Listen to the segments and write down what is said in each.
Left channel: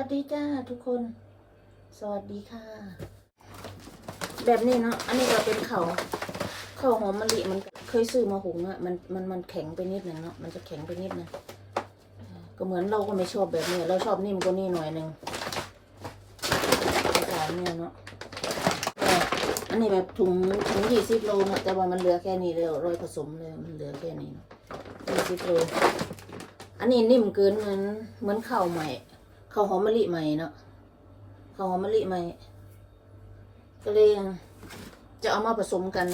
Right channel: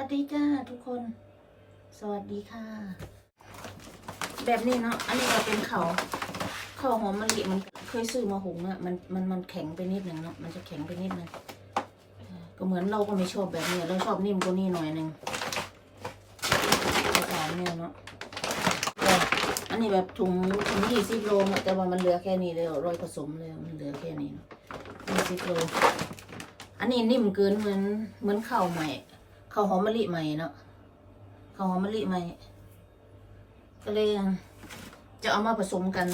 วัสดีจ้าทุกคน สวัสดีค่ะ แบบนี้เนาะ อันนี้ก็เป็นเขาเขาหอมมะลิมันเคยซื้อมาหุงอะมันมันมันแข็งไปนิดนึงเนาะ มันจะแข็งไปนิดนึงก็เหมือนเราก็ไม่ชอบแบบนี้ เราชอบนิ่มกว่านี้หน่อยหนึงหลายเนี่ยเนาะอันนี้แบบถุงถุงยี่สิบโลนะแต่ว่ามันเหลือแค่นี้เลยร้อยผสมเลยมันเหลือแค่นี้ยี่สิบโลอันนี้นิ่มเกินเหมือนเหมือนข้าวใหม่ ข้าวหอมมะลิใหม่เนาะข้าวหอมมะลิใหม่ ก็เลยจะเอามาผสมกัน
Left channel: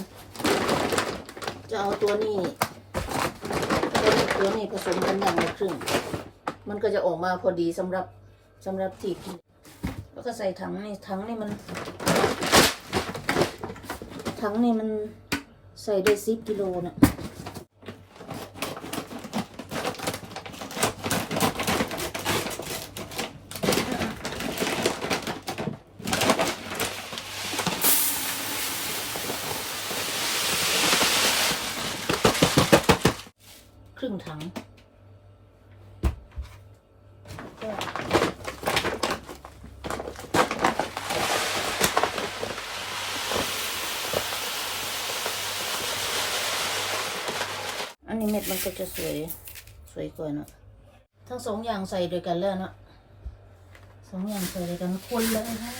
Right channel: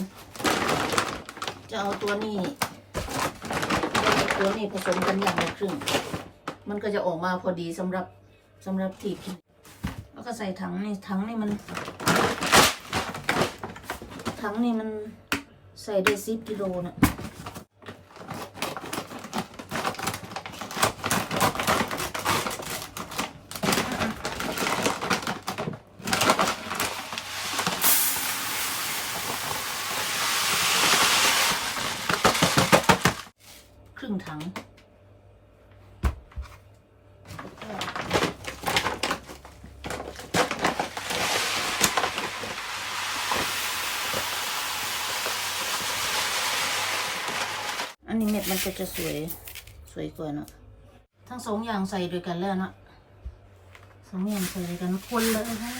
จะเอาตัวนี้ ตัวนี้ผสมกันอย่างละครึ่ง มันก็จะออกมาพอดีสำหรับสำหรับที่กินแล้วก็ใส่ถังนี่ถังนี่มันถังนี่มันใส่ได้สิบกิโลนะค รึ่งถังอันนี้เม็ดมันก็จะสวยสวยกว่านอะทั้งสองอย่างใส่ด้วยกันแล้วนะสองอย่างใส่ด้วยกันคนเลยค่ะ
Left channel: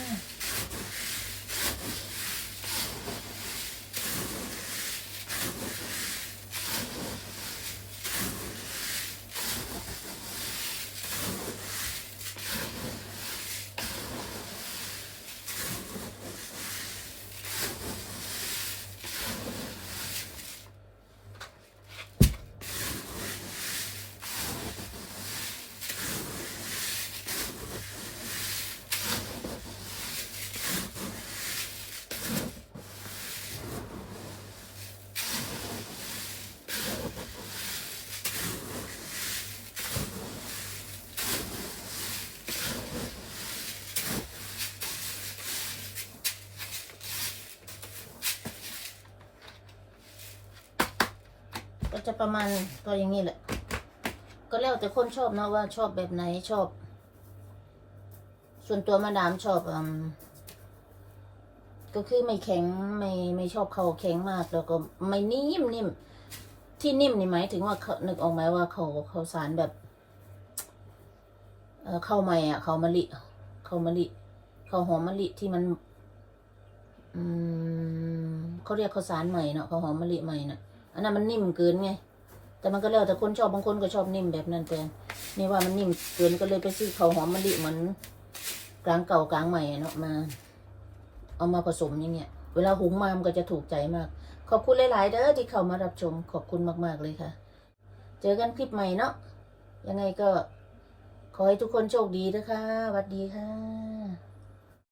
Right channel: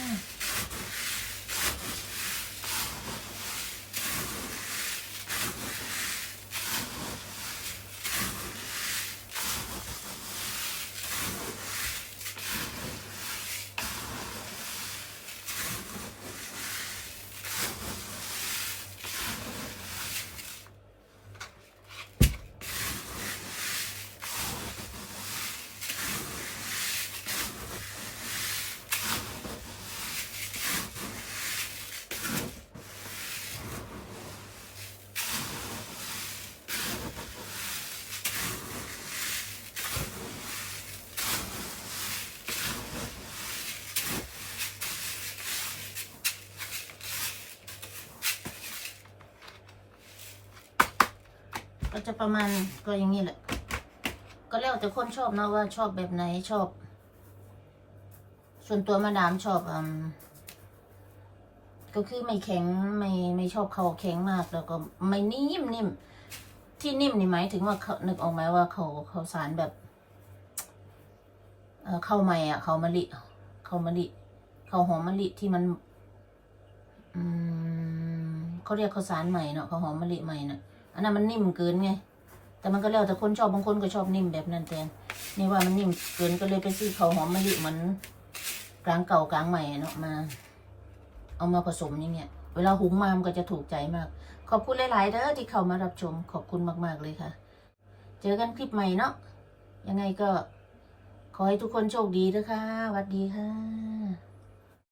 ก็จะประมาณก็อย่างนี้แหละ ก็แล้วแต่คนชอบเนะว่าชอบแบบไหนชอบ ส่วนตัวมาดามชอบอืมก็คือไม่แข็งไม่ไม่ชอบเขาแข็งมากแล้วก็ไม่นิ่มนิ่มที่นิ่มนี่หมายถึงว่าเขานึกออกไหมว่าเขาเขาสารแบบเข้าใหม่อะ เขามะลิข้ามะลิข้าหอมมะลิที่มัน อืมเขาเรียกข้าวสารใหม่เนาะข้าวหอมมะลิใหม่น่ะ อันนั้นมันนิ่มเกินไง แต่มันก็แล้วแต่คนชอบบางคนก็ชอบนิ่มแบบนั้นแต่นี่ว่ามันนิ่มเกินก็เลยไปซื้อข้าวหอมมะลิเหมือนกลางเก่ากลางใหม่เนาะมา เอามาผสมอย่างเงี้ยเวลาหุงมามันก็จะถูกใจมาก ขอบคุณหลาย ๆ เด้อที่เข้ามารับชมขอบคุณมาก ๆ เลยค่ะ เจอกันคลิปใหม่เนาะยังไงก็ขอให้ทุกคนโชคดีนะคะสวัสดีค่ะ